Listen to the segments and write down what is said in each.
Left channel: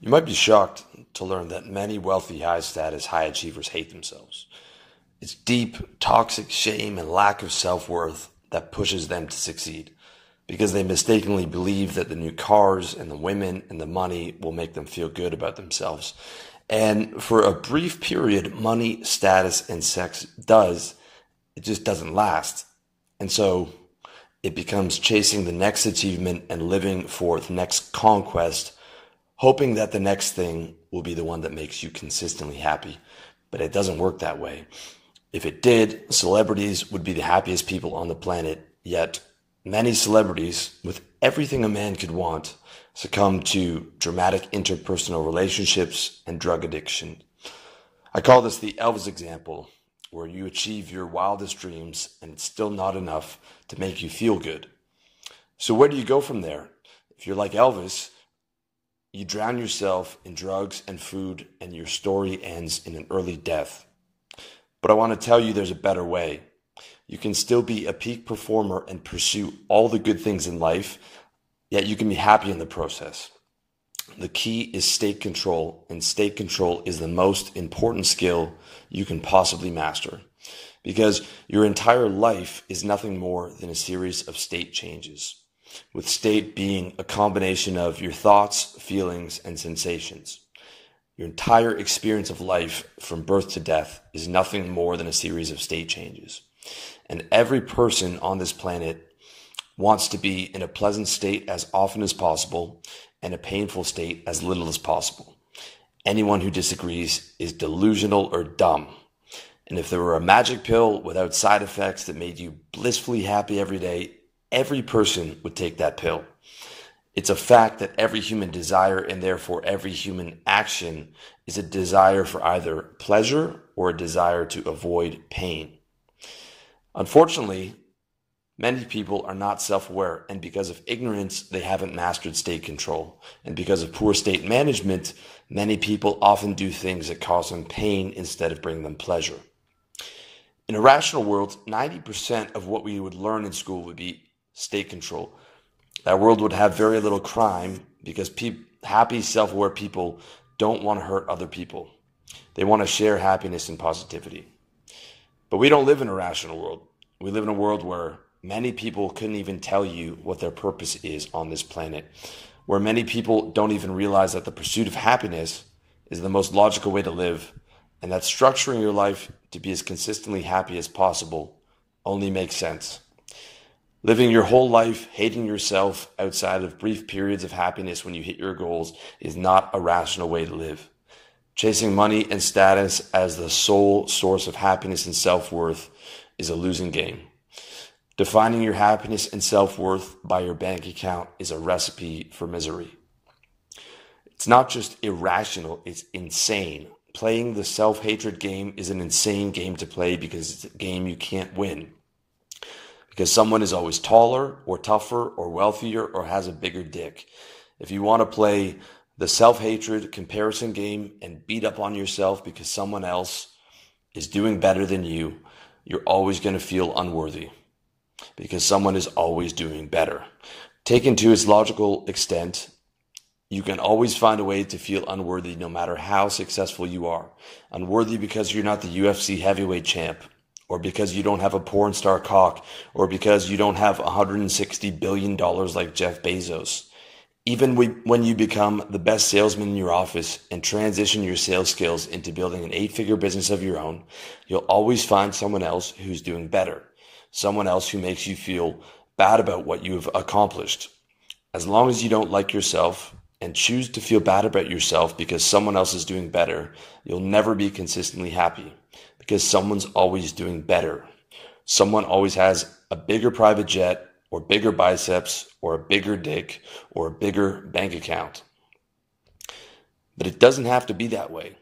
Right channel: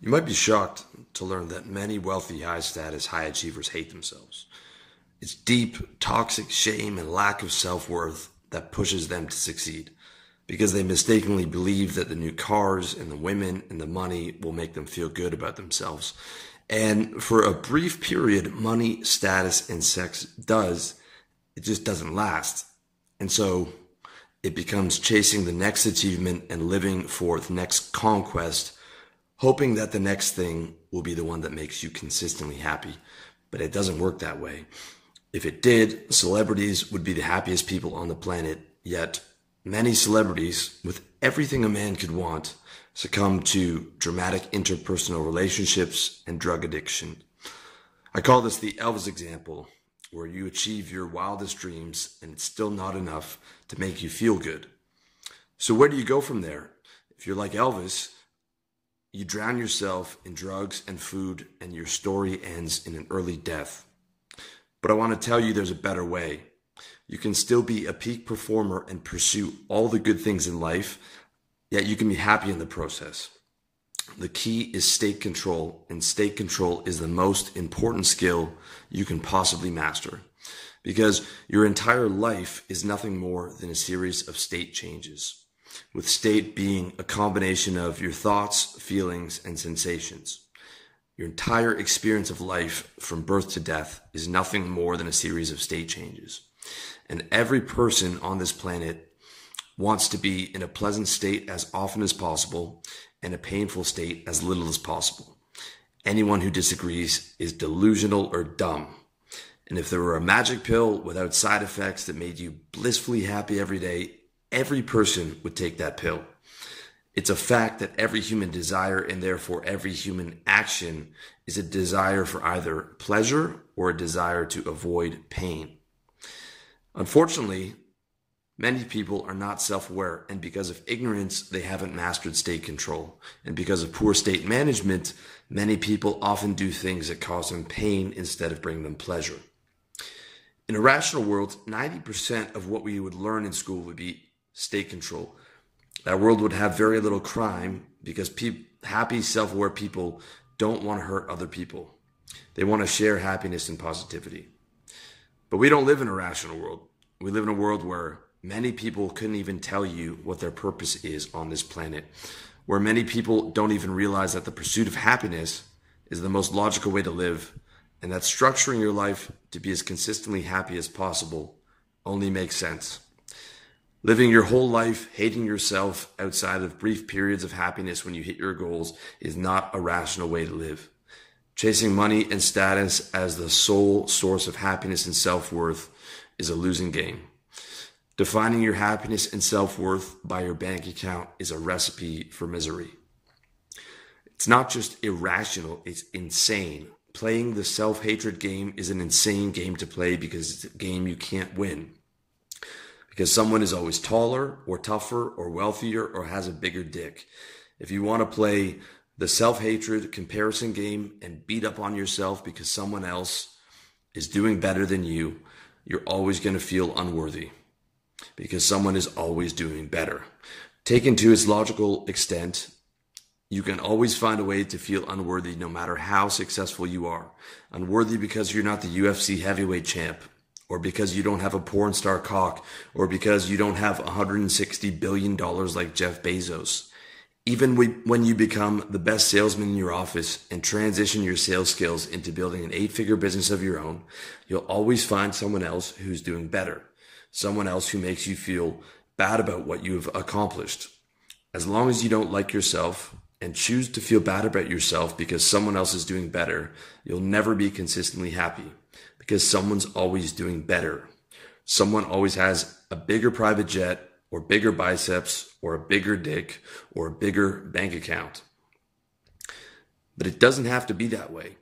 You might be shocked to learn that many wealthy, high status, high achievers hate themselves. It's deep, toxic shame and lack of self-worth that pushes them to succeed because they mistakenly believe that the new cars and the women and the money will make them feel good about themselves. And for a brief period, money, status, and sex it just doesn't last. And so it becomes chasing the next achievement and living for the next conquest, hoping that the next thing will be the one that makes you consistently happy. But it doesn't work that way. If it did, celebrities would be the happiest people on the planet, yet many celebrities, with everything a man could want, succumb to dramatic interpersonal relationships and drug addiction. I call this the Elvis example, where you achieve your wildest dreams and it's still not enough to make you feel good. So where do you go from there? If you're like Elvis, you drown yourself in drugs and food and your story ends in an early death. But I want to tell you there's a better way. You can still be a peak performer and pursue all the good things in life, yet you can be happy in the process. The key is state control, and state control is the most important skill you can possibly master, because your entire life is nothing more than a series of state changes, with state being a combination of your thoughts, feelings, and sensations. Your entire experience of life from birth to death is nothing more than a series of state changes. And every person on this planet wants to be in a pleasant state as often as possible and a painful state as little as possible. Anyone who disagrees is delusional or dumb. And if there were a magic pill without side effects that made you blissfully happy every day, every person would take that pill. It's a fact that every human desire, and therefore every human action, is a desire for either pleasure or a desire to avoid pain. Unfortunately, many people are not self-aware, and because of ignorance, they haven't mastered state control. And because of poor state management, many people often do things that cause them pain instead of bringing them pleasure. In a rational world, 90% of what we would learn in school would be state control. That world would have very little crime because happy, self-aware people don't want to hurt other people. They want to share happiness and positivity. But we don't live in a rational world. We live in a world where many people couldn't even tell you what their purpose is on this planet, where many people don't even realize that the pursuit of happiness is the most logical way to live, and that structuring your life to be as consistently happy as possible only makes sense. Living your whole life hating yourself outside of brief periods of happiness when you hit your goals is not a rational way to live. Chasing money and status as the sole source of happiness and self-worth is a losing game. Defining your happiness and self-worth by your bank account is a recipe for misery. It's not just irrational, it's insane. Playing the self-hatred game is an insane game to play because it's a game you can't win. Because someone is always taller or tougher or wealthier or has a bigger dick. If you want to play the self-hatred comparison game and beat up on yourself because someone else is doing better than you, you're always going to feel unworthy because someone is always doing better. Taken to its logical extent, you can always find a way to feel unworthy no matter how successful you are. Unworthy because you're not the UFC heavyweight champ, or because you don't have a porn star cock, or because you don't have $160 billion like Jeff Bezos. Even when you become the best salesman in your office and transition your sales skills into building an 8-figure business of your own, you'll always find someone else who's doing better. Someone else who makes you feel bad about what you've accomplished. As long as you don't like yourself and choose to feel bad about yourself because someone else is doing better, you'll never be consistently happy. Because someone's always doing better. Someone always has a bigger private jet, or bigger biceps, or a bigger dick, or a bigger bank account. But it doesn't have to be that way.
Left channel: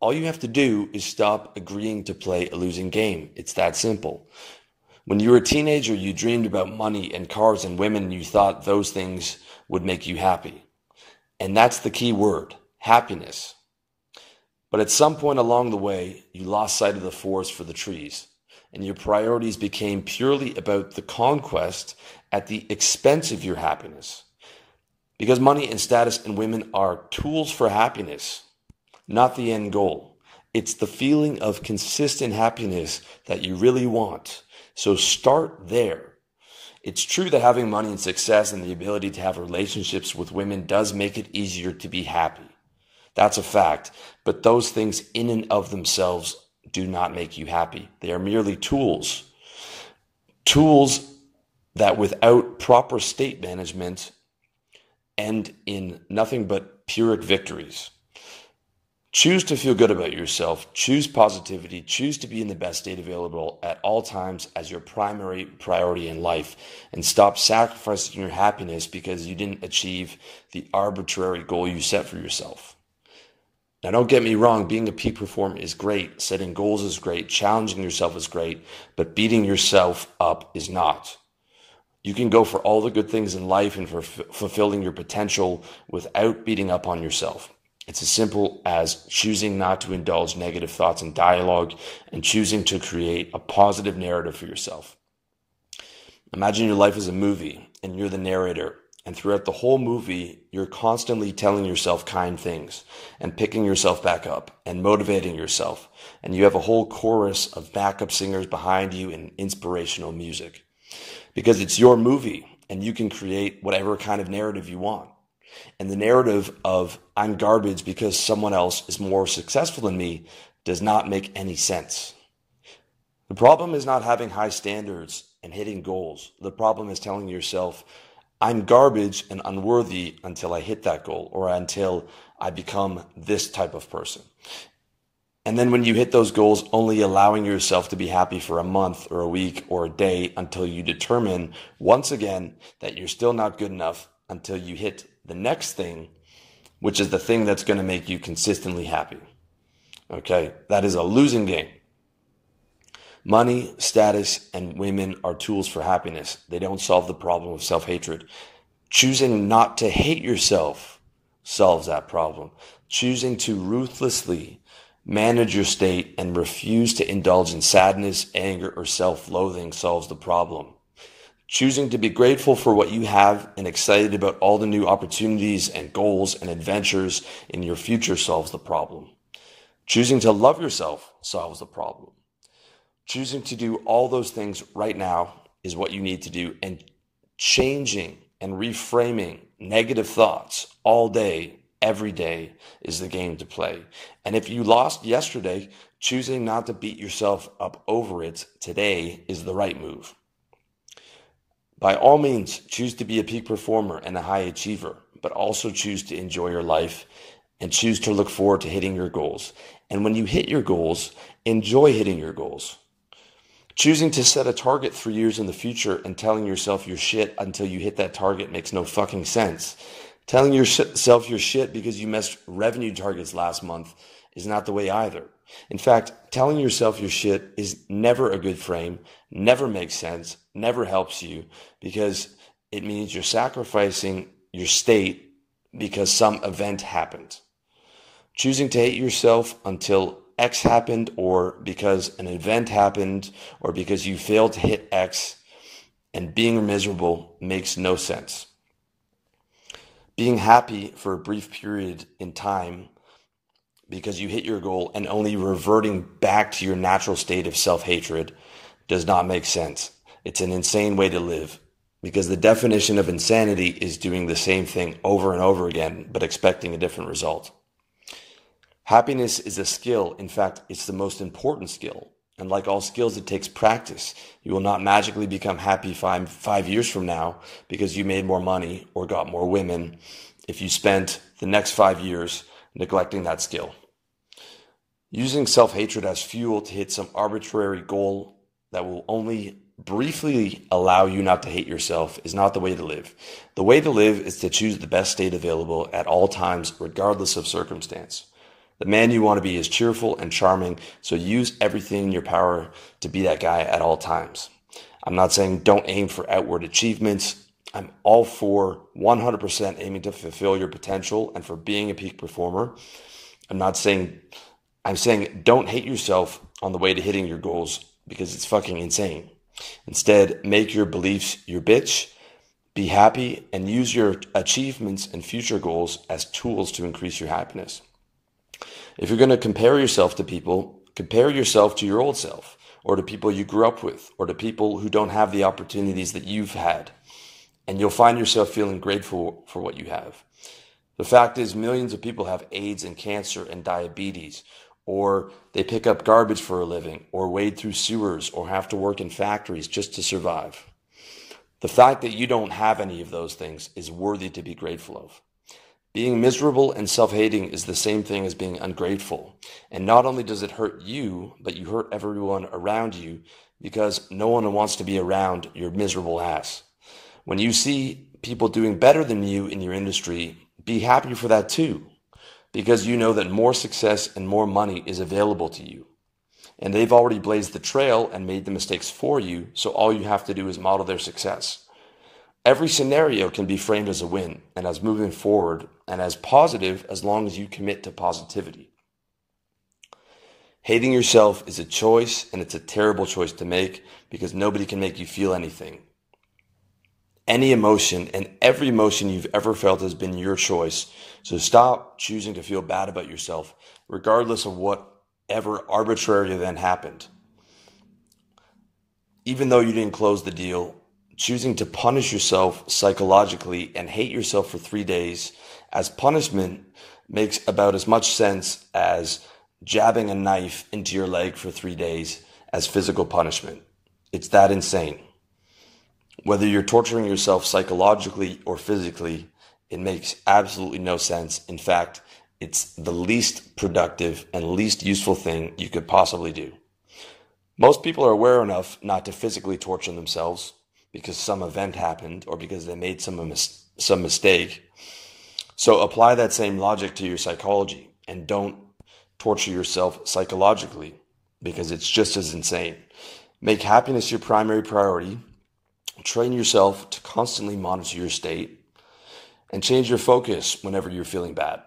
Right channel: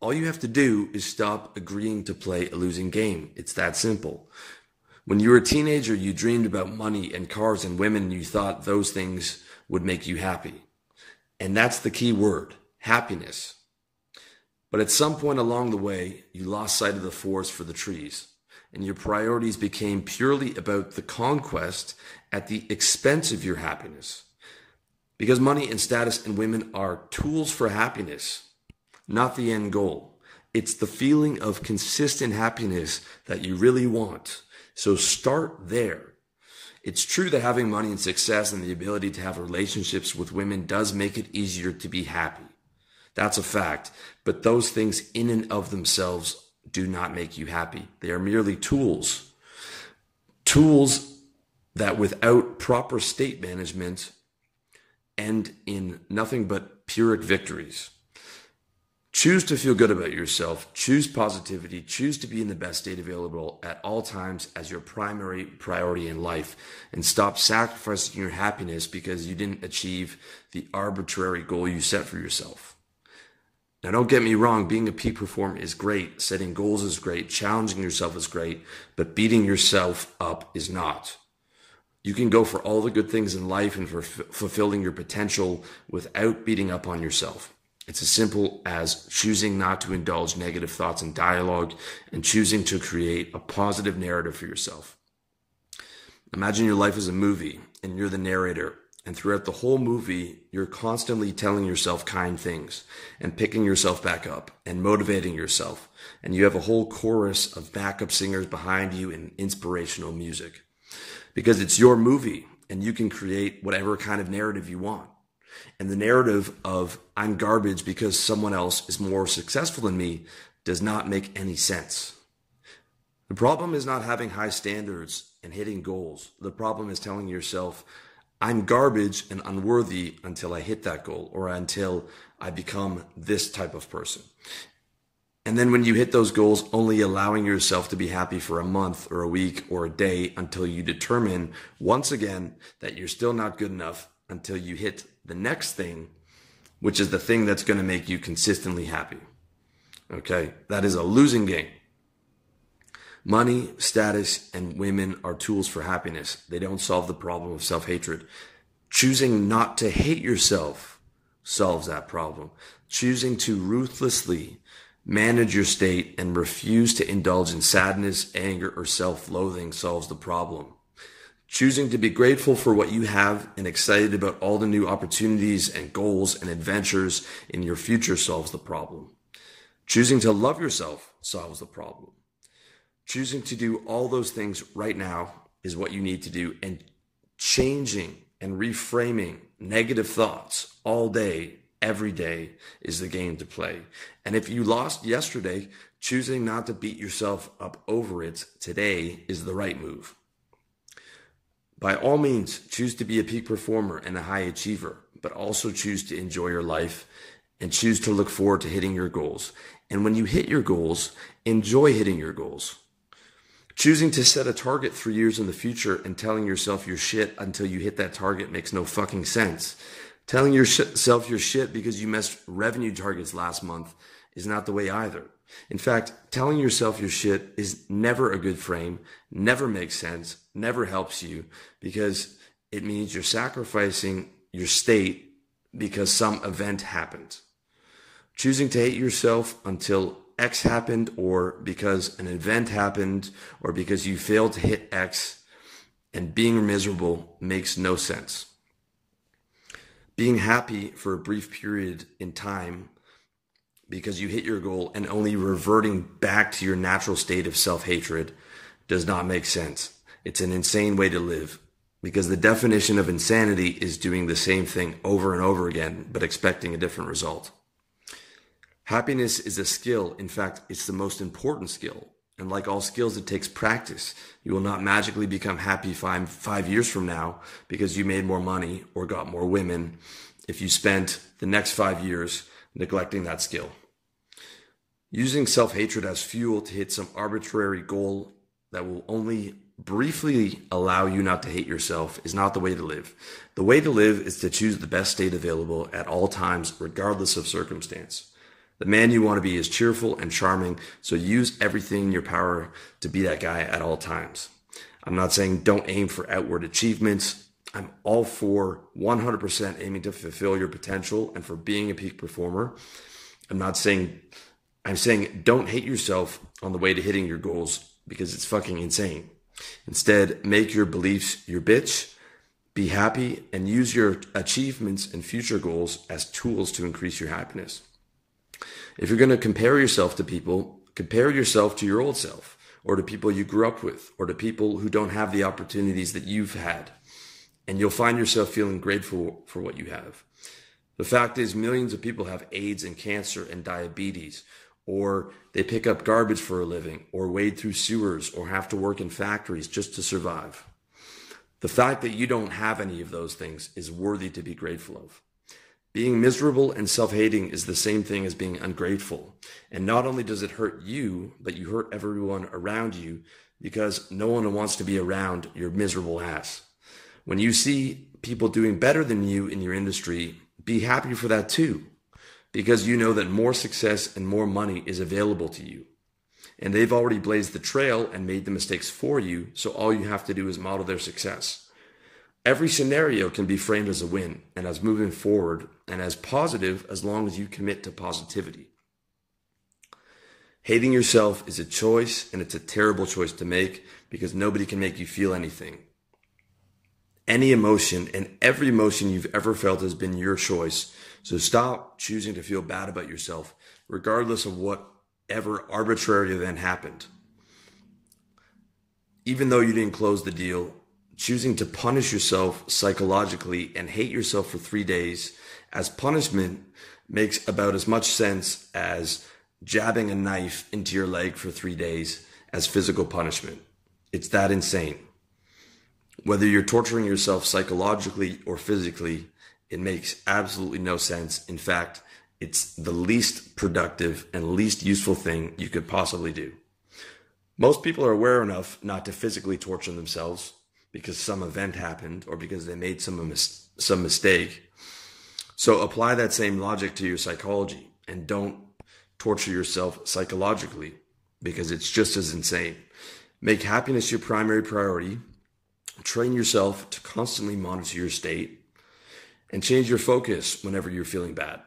All you have to do is stop agreeing to play a losing game. It's that simple. When you were a teenager, you dreamed about money and cars and women, and you thought those things would make you happy. And that's the key word, happiness. But at some point along the way, you lost sight of the forest for the trees, and your priorities became purely about the conquest at the expense of your happiness. Because money and status and women are tools for happiness, not the end goal. It's the feeling of consistent happiness that you really want. So start there. It's true that having money and success and the ability to have relationships with women does make it easier to be happy. That's a fact. But those things in and of themselves do not make you happy. They are merely tools. Tools that without proper state management end in nothing but Pyrrhic victories. Choose to feel good about yourself. Choose positivity. Choose to be in the best state available at all times as your primary priority in life. And stop sacrificing your happiness because you didn't achieve the arbitrary goal you set for yourself. Now, don't get me wrong. Being a peak performer is great. Setting goals is great. Challenging yourself is great. But beating yourself up is not. You can go for all the good things in life and for fulfilling your potential without beating up on yourself. It's as simple as choosing not to indulge negative thoughts and dialogue and choosing to create a positive narrative for yourself. Imagine your life is a movie and you're the narrator. And throughout the whole movie, you're constantly telling yourself kind things and picking yourself back up and motivating yourself. And you have a whole chorus of backup singers behind you and inspirational music. Because it's your movie and you can create whatever kind of narrative you want. And the narrative of I'm garbage because someone else is more successful than me does not make any sense. The problem is not having high standards and hitting goals. The problem is telling yourself, I'm garbage and unworthy until I hit that goal or until I become this type of person. And then when you hit those goals, only allowing yourself to be happy for a month or a week or a day until you determine once again that you're still not good enough until you hit the next thing, which is the thing that's going to make you consistently happy. Okay, that is a losing game. Money, status, and women are tools for happiness. They don't solve the problem of self-hatred. Choosing not to hate yourself solves that problem. Choosing to ruthlessly manage your state and refuse to indulge in sadness, anger, or self-loathing solves the problem. Choosing to be grateful for what you have and excited about all the new opportunities and goals and adventures in your future solves the problem. Choosing to love yourself solves the problem. Choosing to do all those things right now is what you need to do. And changing and reframing negative thoughts all day, every day is the game to play. And if you lost yesterday, choosing not to beat yourself up over it today is the right move. By all means, choose to be a peak performer and a high achiever, but also choose to enjoy your life and choose to look forward to hitting your goals. And when you hit your goals, enjoy hitting your goals. Choosing to set a target 3 years in the future and telling yourself you're shit until you hit that target makes no fucking sense. Telling yourself you're shit because you missed revenue targets last month is not the way either. In fact, telling yourself you're shit is never a good frame, never makes sense, never helps you, because it means you're sacrificing your state because some event happened. Choosing to hate yourself until X happened, or because an event happened, or because you failed to hit X, and being miserable makes no sense. Being happy for a brief period in time because you hit your goal and only reverting back to your natural state of self-hatred does not make sense. It's an insane way to live, because the definition of insanity is doing the same thing over and over again, but expecting a different result. Happiness is a skill. In fact, it's the most important skill. And like all skills, it takes practice. You will not magically become happy 5 years from now because you made more money or got more women if you spent the next 5 years neglecting that skill. Using self-hatred as fuel to hit some arbitrary goal that will only briefly allow you not to hate yourself is not the way to live. The way to live is to choose the best state available at all times, regardless of circumstance. The man you want to be is cheerful and charming, so use everything in your power to be that guy at all times. I'm not saying don't aim for outward achievements. I'm all for 100% aiming to fulfill your potential and for being a peak performer. I'm saying don't hate yourself on the way to hitting your goals, because it's fucking insane. Instead, make your beliefs your bitch Be happy and use your achievements and future goals as tools to increase your happiness. If you're going to compare yourself to people, compare yourself to your old self, or to people you grew up with, or to people who don't have the opportunities that you've had. And you'll find yourself feeling grateful for what you have. The fact is, millions of people have AIDS and cancer and diabetes, or they pick up garbage for a living, or wade through sewers, or have to work in factories just to survive. The fact that you don't have any of those things is worthy to be grateful of. Being miserable and self-hating is the same thing as being ungrateful. And not only does it hurt you, but you hurt everyone around you because no one wants to be around your miserable ass. When you see people doing better than you in your industry, be happy for that too, because you know that more success and more money is available to you. And they've already blazed the trail and made the mistakes for you, so all you have to do is model their success. Every scenario can be framed as a win and as moving forward and as positive as long as you commit to positivity. Hating yourself is a choice, and it's a terrible choice to make because nobody can make you feel anything. Any emotion and every emotion you've ever felt has been your choice, so stop choosing to feel bad about yourself, regardless of whatever arbitrary event happened. Even though you didn't close the deal, choosing to punish yourself psychologically and hate yourself for 3 days as punishment makes about as much sense as jabbing a knife into your leg for 3 days as physical punishment. It's that insane. Whether you're torturing yourself psychologically or physically, it makes absolutely no sense. In fact, it's the least productive and least useful thing you could possibly do. Most people are aware enough not to physically torture themselves because some event happened or because they made some mistake. So apply that same logic to your psychology and don't torture yourself psychologically because it's just as insane. Make happiness your primary priority. Train yourself to constantly monitor your state and change your focus whenever you're feeling bad.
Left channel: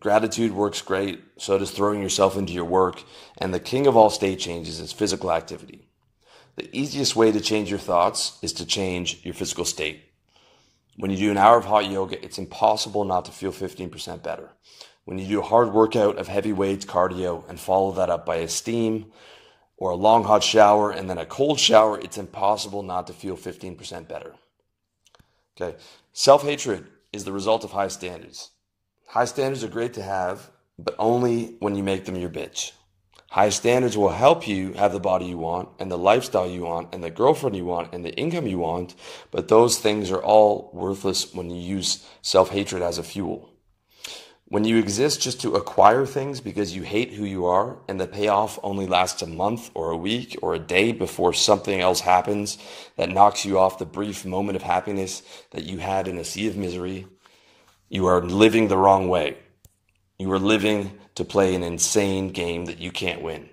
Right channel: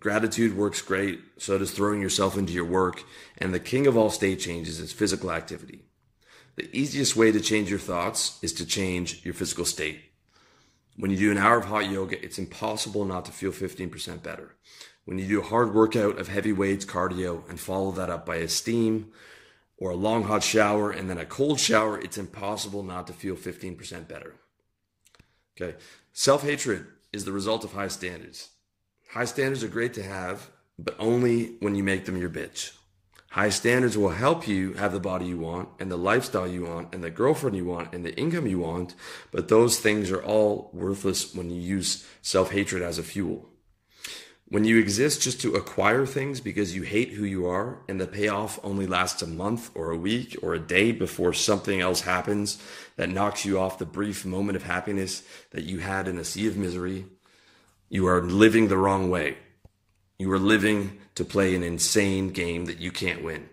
Gratitude works great, so does throwing yourself into your work, and the king of all state changes is physical activity. The easiest way to change your thoughts is to change your physical state. When you do an hour of hot yoga, it's impossible not to feel 15% better. When you do a hard workout of heavy weights, cardio, and follow that up by a steam or a long hot shower and then a cold shower, it's impossible not to feel 15% better. Okay. Self-hatred is the result of high standards. High standards are great to have, but only when you make them your bitch. High standards will help you have the body you want and the lifestyle you want and the girlfriend you want and the income you want, but those things are all worthless when you use self-hatred as a fuel. When you exist just to acquire things because you hate who you are and the payoff only lasts a month or a week or a day before something else happens that knocks you off the brief moment of happiness that you had in a sea of misery, you are living the wrong way. You are living to play an insane game that you can't win.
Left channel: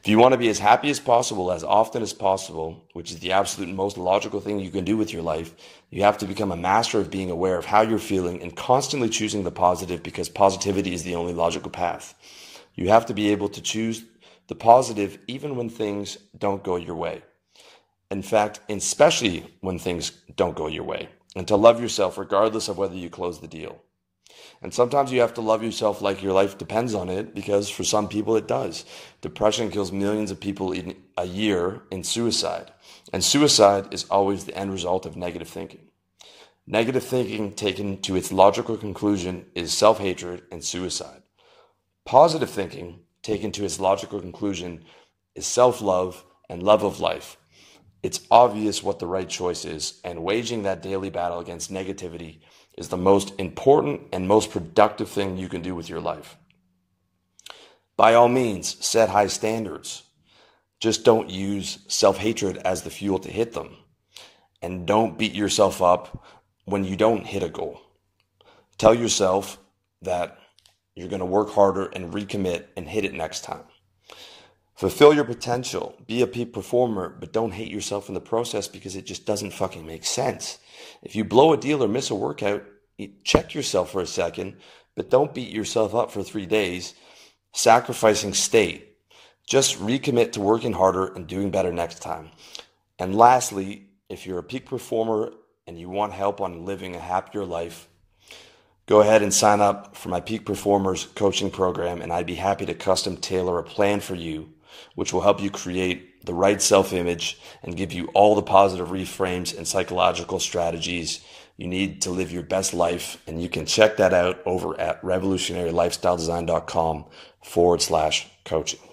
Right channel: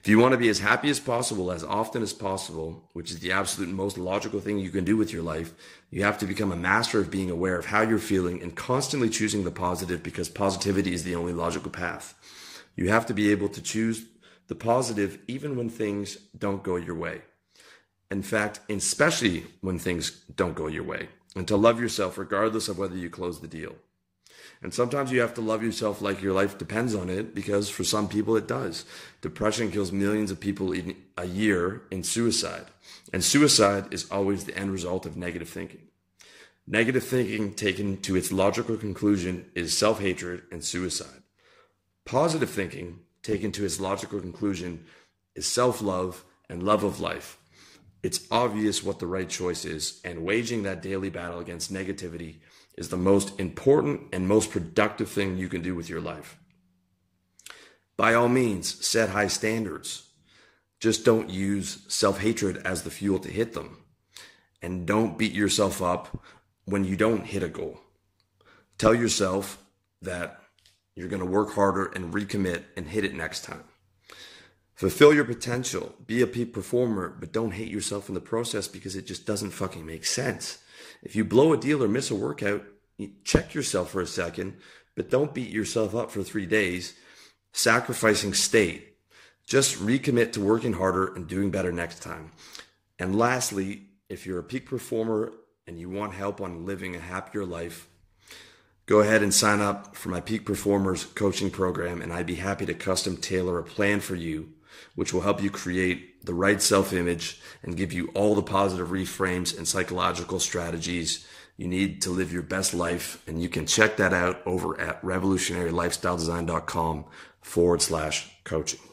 If you want to be as happy as possible, as often as possible, which is the absolute most logical thing you can do with your life, you have to become a master of being aware of how you're feeling and constantly choosing the positive, because positivity is the only logical path. You have to be able to choose the positive even when things don't go your way. In fact, especially when things don't go your way. And to love yourself regardless of whether you close the deal. And sometimes you have to love yourself like your life depends on it, because for some people it does. Depression kills millions of people a year in suicide. And suicide is always the end result of negative thinking. Negative thinking taken to its logical conclusion is self-hatred and suicide. Positive thinking taken to its logical conclusion is self-love and love of life. It's obvious what the right choice is, and waging that daily battle against negativity is the most important and most productive thing you can do with your life. By all means, set high standards. Just don't use self-hatred as the fuel to hit them. And don't beat yourself up when you don't hit a goal. Tell yourself that you're going to work harder and recommit and hit it next time. Fulfill your potential. Be a peak performer, but don't hate yourself in the process, because it just doesn't fucking make sense. If you blow a deal or miss a workout, check yourself for a second, but don't beat yourself up for 3 days, sacrificing state. Just recommit to working harder and doing better next time. And lastly, if you're a peak performer and you want help on living a happier life, go ahead and sign up for my Peak Performers coaching program, and I'd be happy to custom tailor a plan for you, which will help you create the right self-image and give you all the positive reframes and psychological strategies you need to live your best life. And you can check that out over at revolutionarylifestyledesign.com/coaching.